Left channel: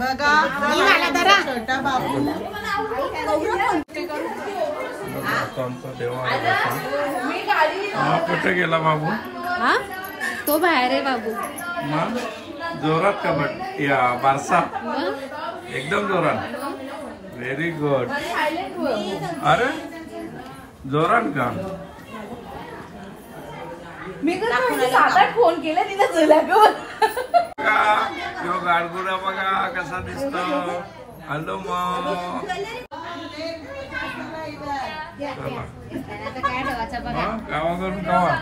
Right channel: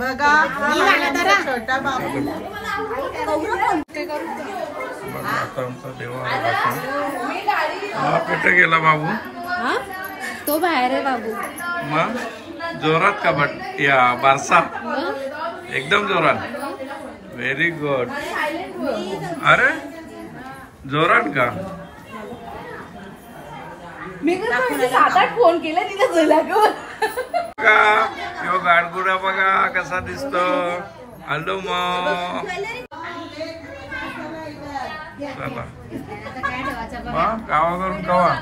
बघा छोटा बाबू कुठे गेला बाबू? हा तो बाहेर आहे बाबू. मग जोरात का बट या बारसा एकदम जोरात. Very good. अरे जोरात का? मी फोन केला तिला का गाडगुडा बघा कसा दिसतो. हॅलो मग चला गावाकडून कवा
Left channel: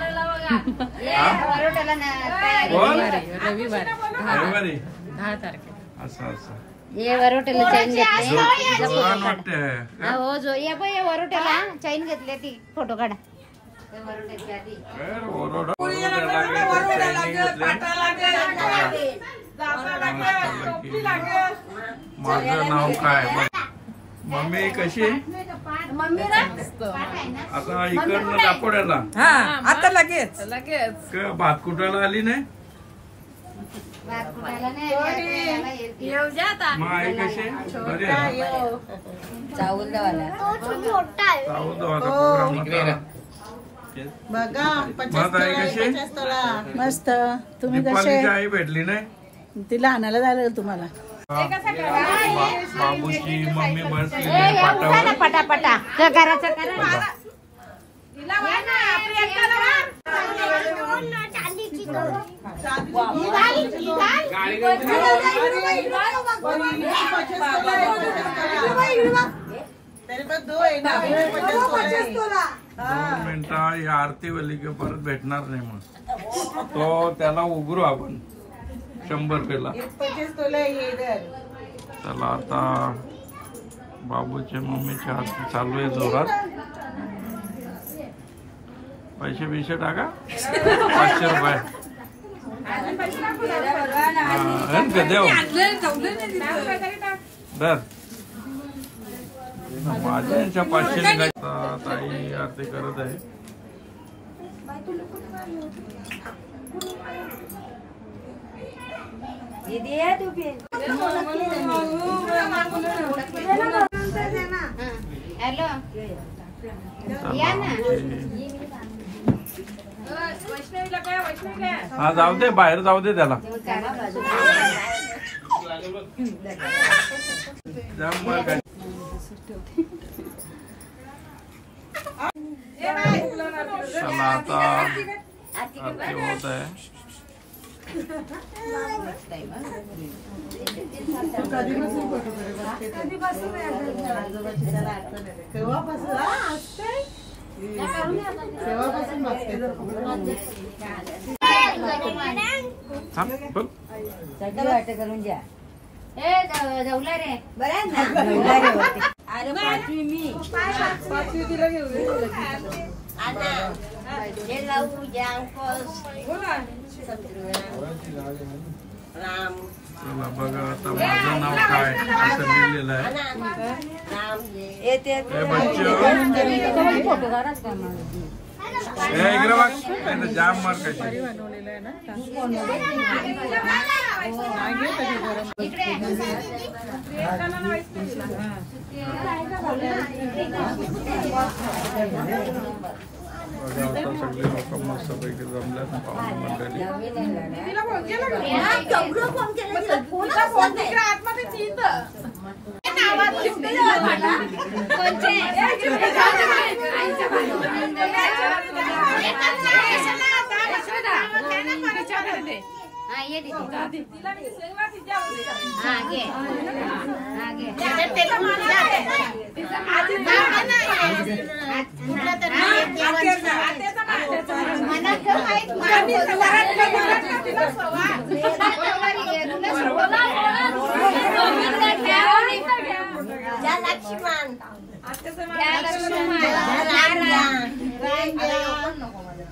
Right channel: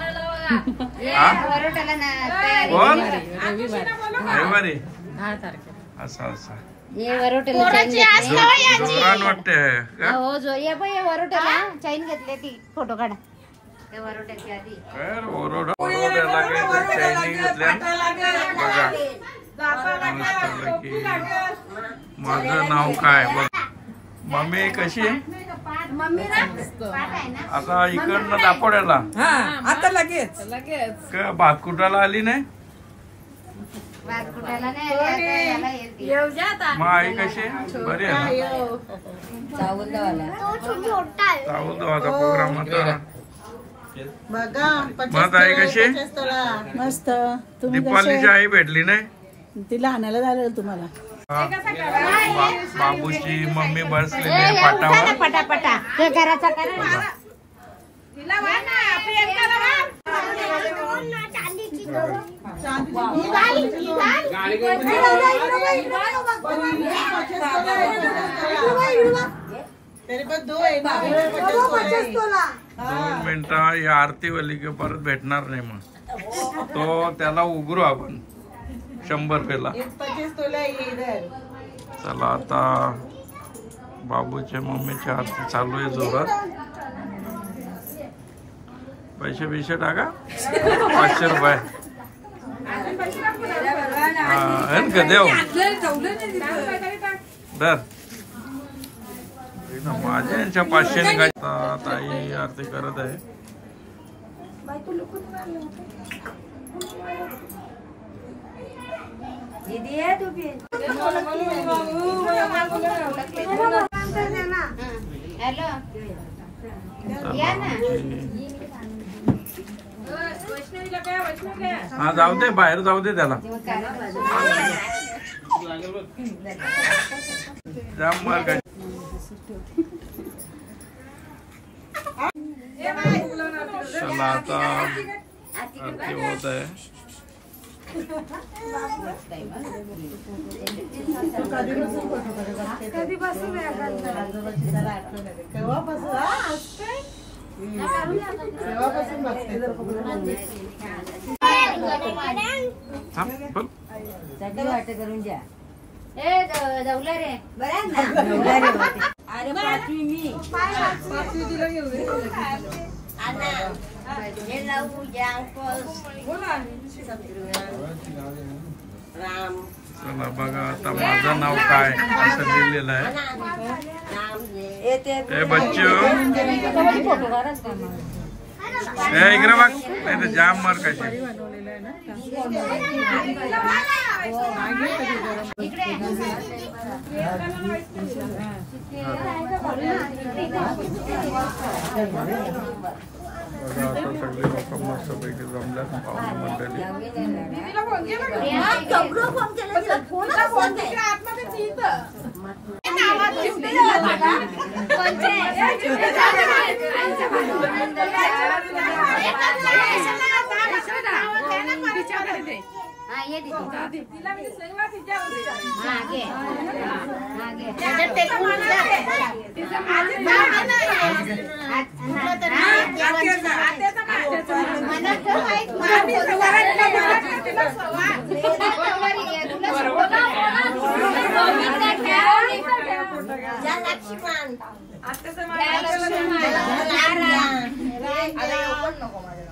रविवारी 10 तारखेला असं असं ये वरोटेला चैन घेतली. जोरान वाटते. हो जो ये बाई ये वरोटेला चैन घेतली ती फोटो काढा. ते वरोट्याची आधी माझं नाव काय बघ. मम्मी कशी आता इकडनं दापोड्याला आता लगेच भात कुटाला आली नाही. मग आई कशी बरी आहे ना. चावल दवाचा प्रोग्राम होता. बघा मग आई कशी मस्त. तुम्ही दीपालीची आई भेटली नाही. तिला आणायला झालं तुम्हाला. बाबूची मम्मी बसलेली पाटावर. पटापटा घराचा दोन मिनिटं ही आरती वली की परत भेटणार नाही. मग तो त्याला उघडू आपण 100 पेला. चला आता बाबूच्या मम्मीची आरती चालू आहे जोरात. पैसे बिशे टाका 500 रुपये. का देव दर माझ्या यांच्या 500 निघायचा. ताई आरती करत आहे. हा जाऊ दे बाहेर जाऊ दे त्याला. चला आता आरती होत आहे. करून द्या. जवला रे बरं. अरे पाचवी मी चला बघा आता माझं नाव काय असं लिहिलेलं आहे. बच्चो इकडे बघ नाही तर जाम मार कशी. बघा आता सगळे लोक मस्त पैकी जमल्यात पाहुणे मंडळी.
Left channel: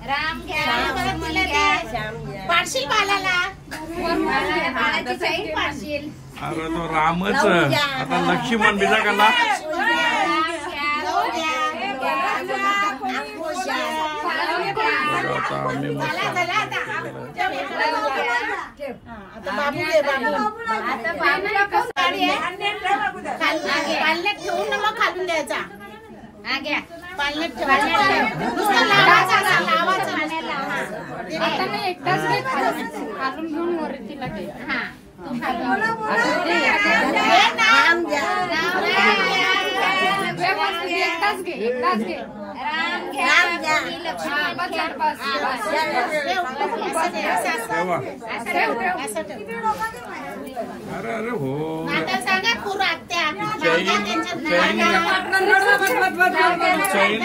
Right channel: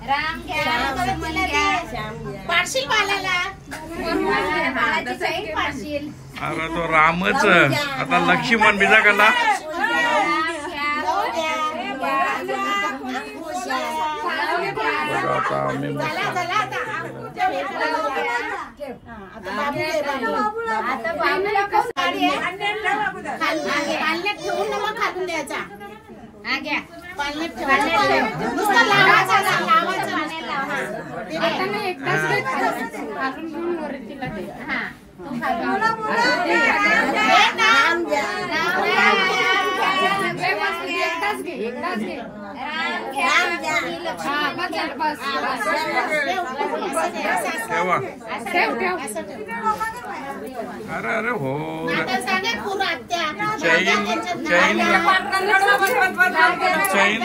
राम पाडशील बालाला. अरे तो रामच. आता लक्ष्मण बिजा कला आता आम्ही मस्त आता बाबू घे बाबू. आता बाबूला कसं गाडी आहे? पालण्यात ठेवून ना मग खालून द्यायचा. हा घ्या. पालण्यात ठेव. पाण्यात ठेव. नुसतं लावायचा लावायचा. पाण्यात लाव. हा. एकटाच खालून घेऊन वरती तिला दे. हा. तू खालून नाम द्या. एकटाच घे. एकटाच घे. राम घ्या. कोणी लक्ष्मी घ्या. ठेवा. असं ठेव. असं ठेव. अरे अरे हो आता सांगा पुरं आत्या. चैन चैन चैन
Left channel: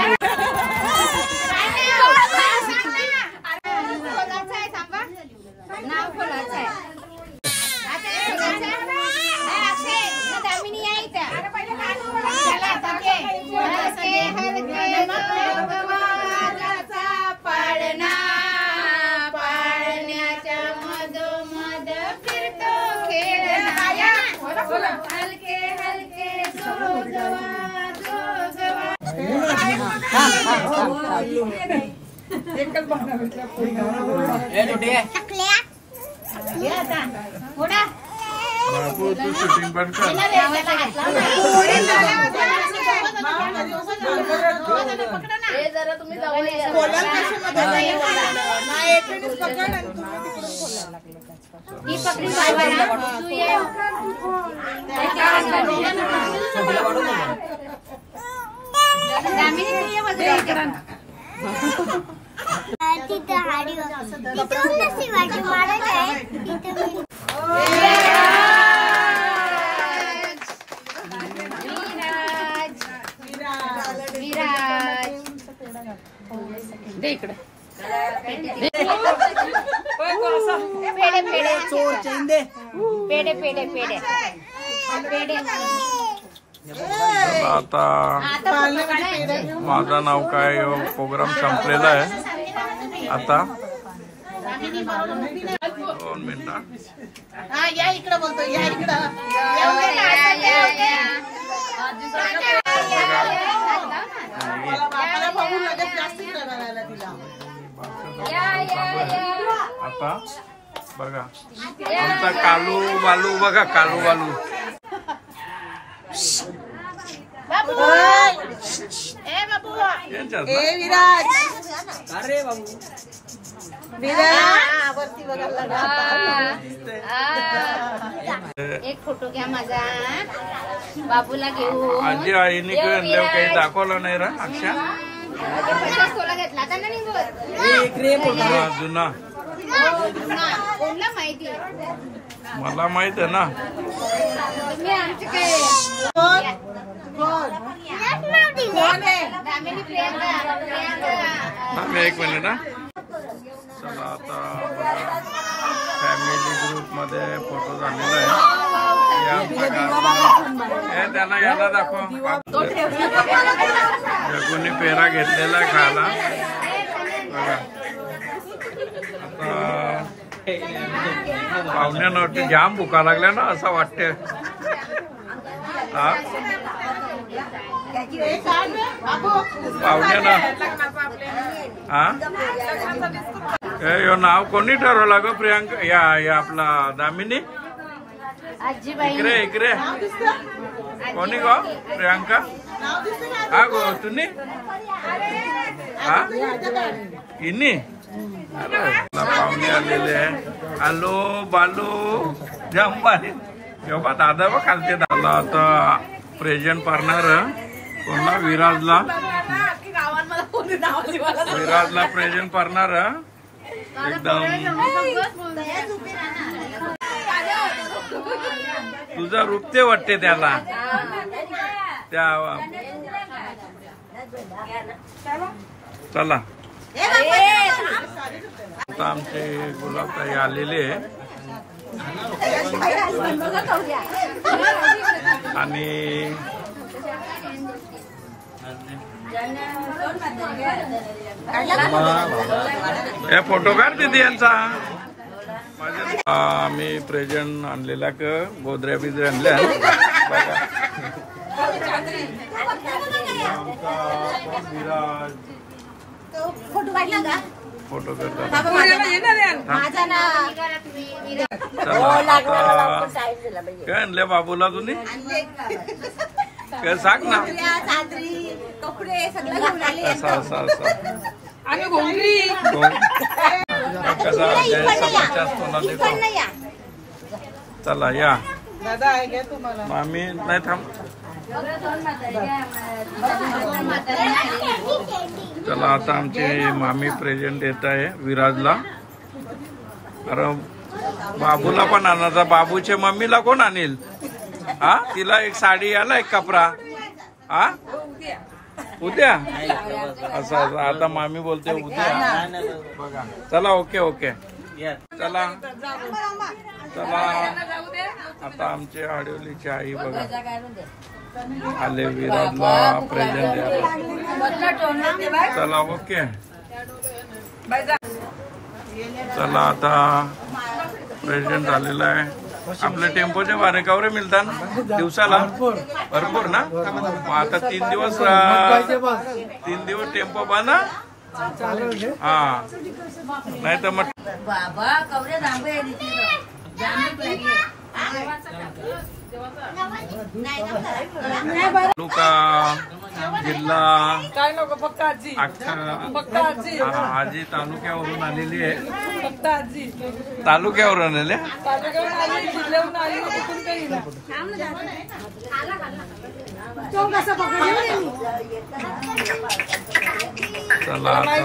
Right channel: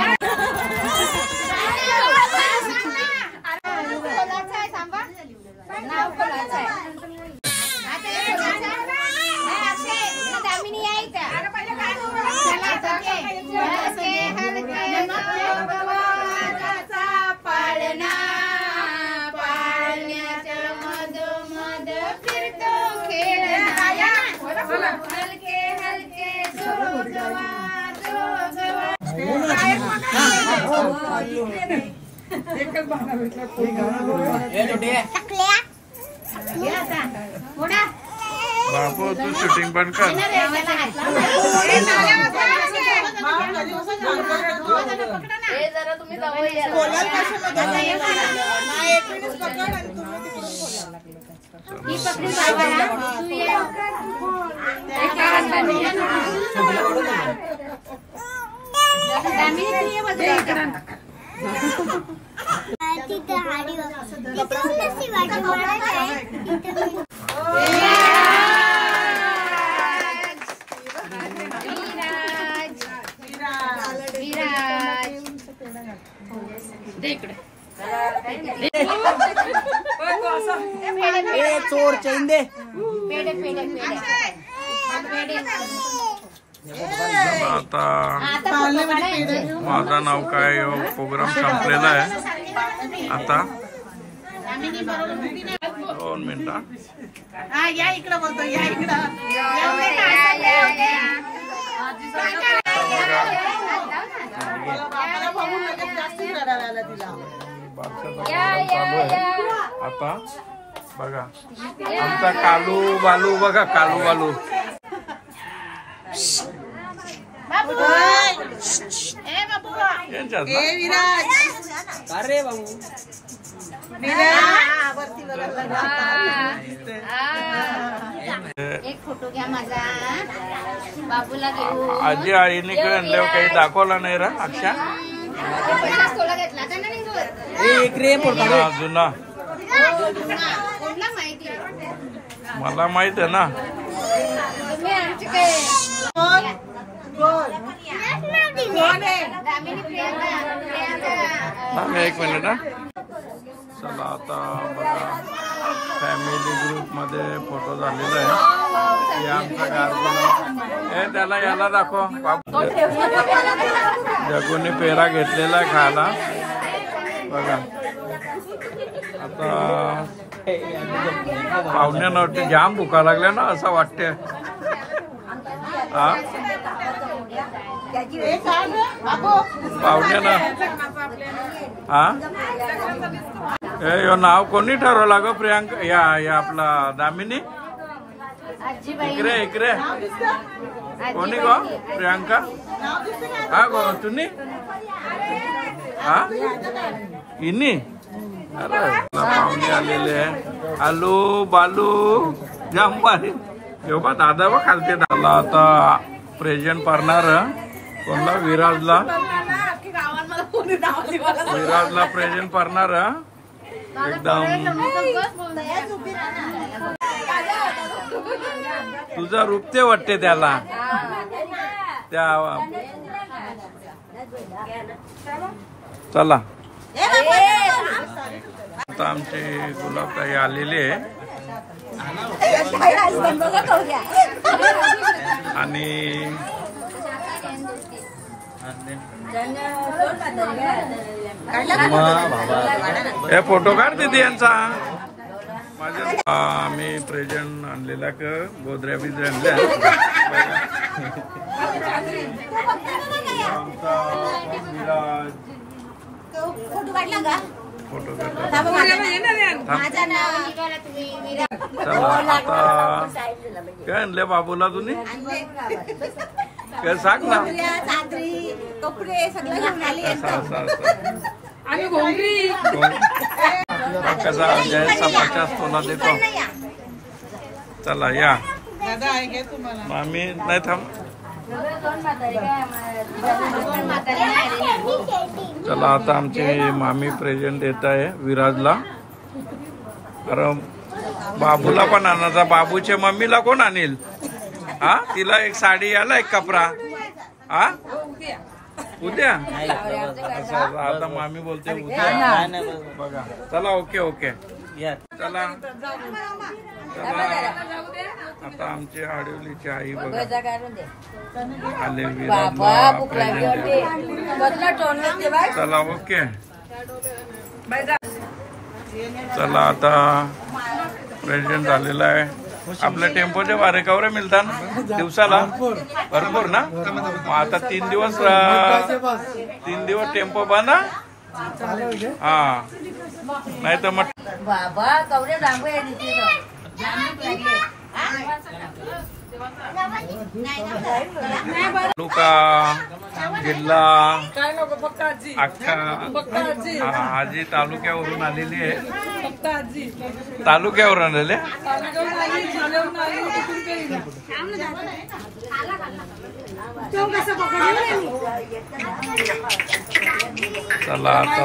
कोणाचं आहे सांगा. नाव कोणाचं आहे? आता हे कोणाचं आहे? अक्षय ना दामिनी आहे इथं. चला आता घे. हलके हलके गवाचा पाळणा पाळण्याच्या मधोमध फिरतो खेळणा. हलके हलके बाबू तू शूटिंग पण कर. ही पकडी बाबाला तू ये. दामिनी तू ये बाजूला. तिथं हाडी तिथून नसती वाटी मारत आहे तिथं विराज दे इकडे. पेढे चोर चैन दे. पेढे पेढे पेढे पेढे. चला आता पाळण्यामध्ये पेढा ठेव. माझं नाव काय प्रोग्राम संपलेला आहे. आता 2 मिनिटं. हा या इकडं बोलतो. या इकडं. बघा बाबाला बघून लगेच प्लास्टिक रडायला आलं तिला. बारशाचा प्रोग्राम चालू आहे. आता बघा आमचा कालू बालू बघा. कालू बालू यांच्यात ना. विराज. अरे बाबू. एक फोटो घ्या माझा. बाबूला घेऊ. आजी आईने आणल्यावर काही दाखवला नाही रा. अक्षा कोला घेतला का नाही बोल. जुना जुना कोणला माहिती मला माहित आहे ना. तुम्ही आमचे काय थांब 1 मिनिट. हा चला आता बघा फॅमिली ग्रुप मध्ये फोटो झालेला आहे. हे आमचा गारगुना. हे त्याला याला दाखव. जगूने पेरा घेतलेला आहे खायला. बघा आता पाहुण्यानं जाम भुका लागल्या ना असं वाटते. हा पाहुण्यानं हा हे नाव कोणी ठरवलं ग प्रियांका. या आपला दामिनी इकडे इकडे कोणी गो प्रियांका. हा गो तुम्ही हा इनी. अरे पाहुणे आलेले आहे. आलू बालू जंपाली जेव्हा दादा व खालते. दादा आता प्रेझेंट करणार कोणला विराजला. विराजला प्रेझेंट करणार एकदम. तुझा रूप ते वाटते त्याला. त्या चला आता आमचे गुलाबताई आलेले आणि हे फोटो काढ दीदी यांचा. माझ्या आम्ही प्रेझेंट आणलेला क गोदऱ्या बिजऱ्या आणल्या. आमचा विराज फोटो काढला का. फोटो करतात. चला आता काय आणले बाबूला तुम्ही काय सांग ना. कपडे सगळं घेऊन आले. असं कसा द्यायचा 50 तोला देतो. चला या मामी नाही थांब. चला आता आमची मामी प्रेझेंट देत आहे विराजला. अरे बाबूला पण आणायचा. बाबूच्या मम्मीला कोण आणेल? हा तिला एक साडी आला एक कपडा. हा उद्या असं आता मामी बोलते उद्या बघा. चला ओके ओके चला चला. आता आमचे आडिवलीची आई बघा आले विराजला प्रेझेंट द्यायला. चला ओके चला आता प्रेझेंट झालेला आहे. आपल्या टेम्पोच्या भाडे कवरे मिळतात दिवसाला भरपूर ना. मग आता 3 दिवस टेम्पो बंद. हा नाही तर मग तालुका जिल्हा अख्खा आजी तालुक्यावरून आलेली आहे. तालुक्यावरून आलेले. चला आता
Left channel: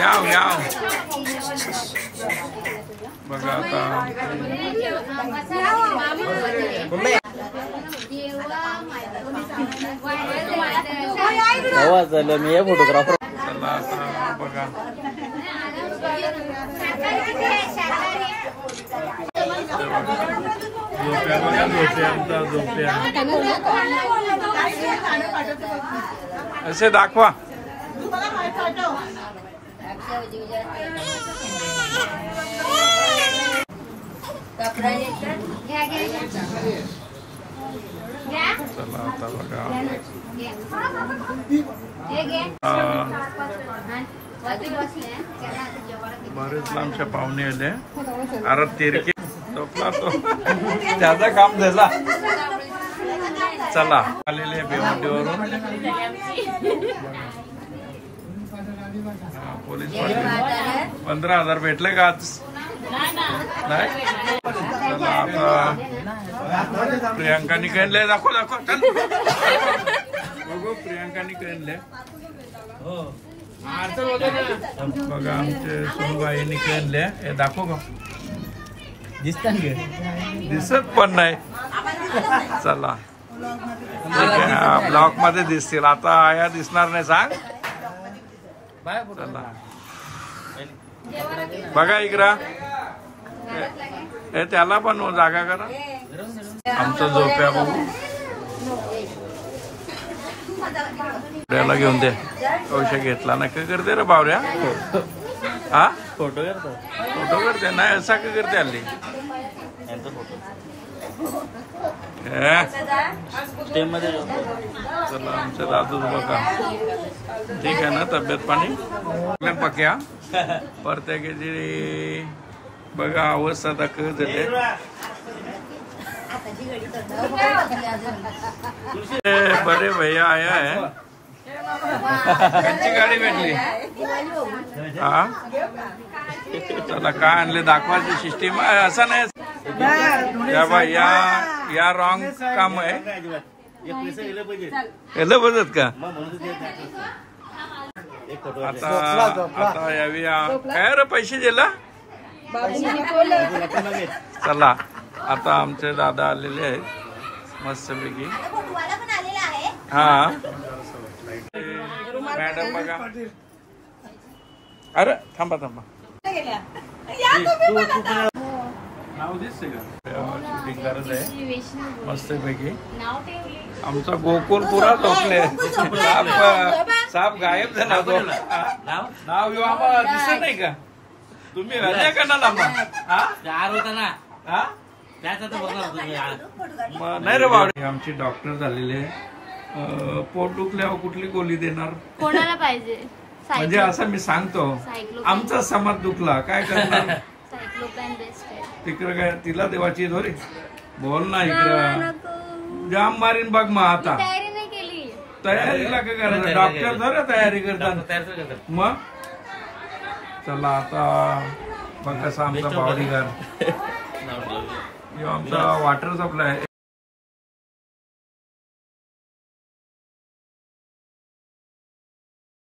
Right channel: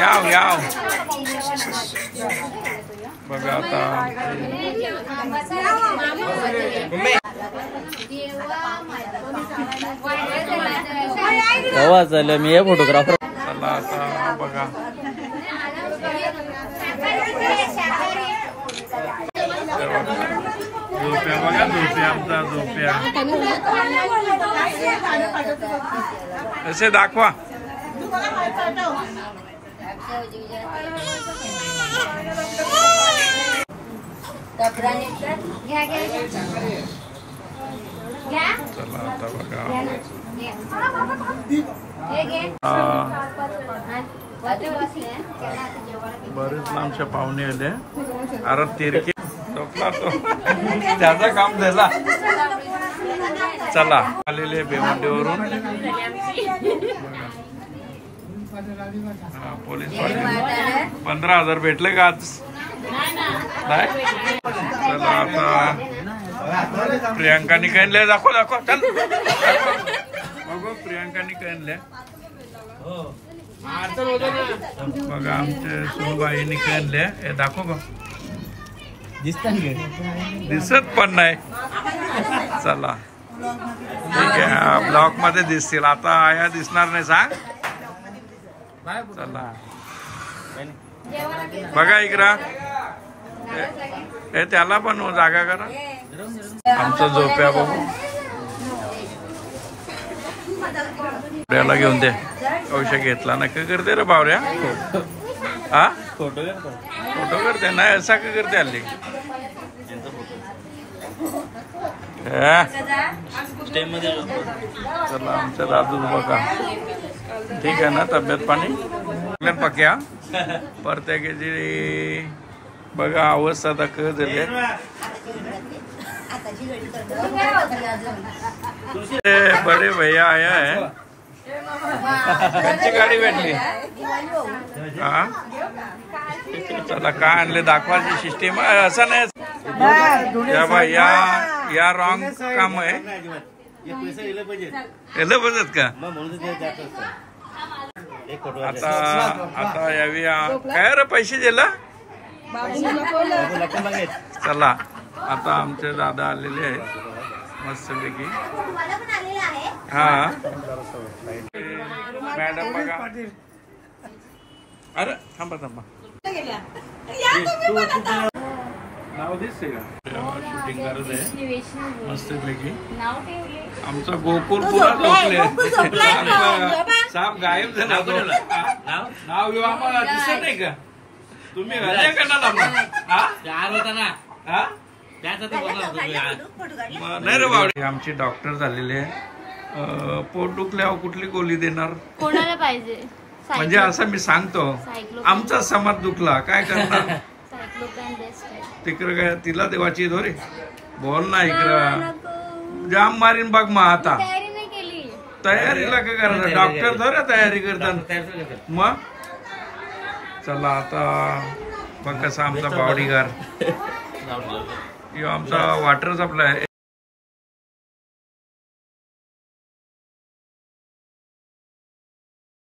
याव बघा आता मी फोटोग्राफर. चला आता बघा झोप्या बघा. झोप्या आमचा झोप्या असे दाखवा. चला आता बघा बरेच लांबच्या पाहुणे आले. अरे तिरकी झोपला तो त्याचं काम झाला. चला आलेले भिवंडीवरून पोलीस पाटील 15,000 भेटले का आज? नाही. चला आता प्रियांकानी कणले दाखव चल बघू. प्रियांकानी कणले बघा. आमचे सुनबाईनी कणले हे दाखव. दिसत पण नाही. चला ठीक आहे ब्लॉक मध्ये दिसतील. आता आया दिसणार नाही सांग. चला बघा इकरा हे त्याला पण जागा करा. आमचं झोप्या बघू. त्याला घेऊन दे. औषध घेतला ना काय करते रे बावऱ्या? हा फोटो करते नाही असा काय करते हल्ली? चला आमच्या दादूच बघा ठीक आहे ना. तब्येत पाणी पक्या प्रत्येकाची बघा अवस्था दाख झाली. बड़े भैया आया है. कच्ची गाडी भेटली. हा चला काय आणले दाखवायची सिस्टीम असं नाही. या रॉंग काम आहे. याला बघत का आता यावी काय रे पैसे दिला. चला आता आमचे दादा आलेले आहेत मस्तपैकी. हा मॅडम बघा. अरे थांबा शूटिंग करत आहे मस्तपैकी. आमचा गोकुळ पुरा झोपले. साप गायब झाला तो. नाव घेऊ आम्हाला दिसत नाही का? तुम्ही नाही रे बाबा. आमची डॉक्टर झालेले पोट दुखल्यावर कुठली गोळी देणार? कोणाला पाहिजे? म्हणजे असं मी सांगतो, आमचा समर दुखला काय करणार? सायक्लोपॅन बेस्ट आहे. तिकडे काय तिला देवाची धोरे बोल ना इकडं जाम मारीन बघ. मग आता तयारी नाही केली. तयारीला काय करायचं? डॉक्टर थोड्या तयारी करतात मग. चला आता बघ कसा आमचा बॉडीगार्ड, आमचा वॉटर सप्लाय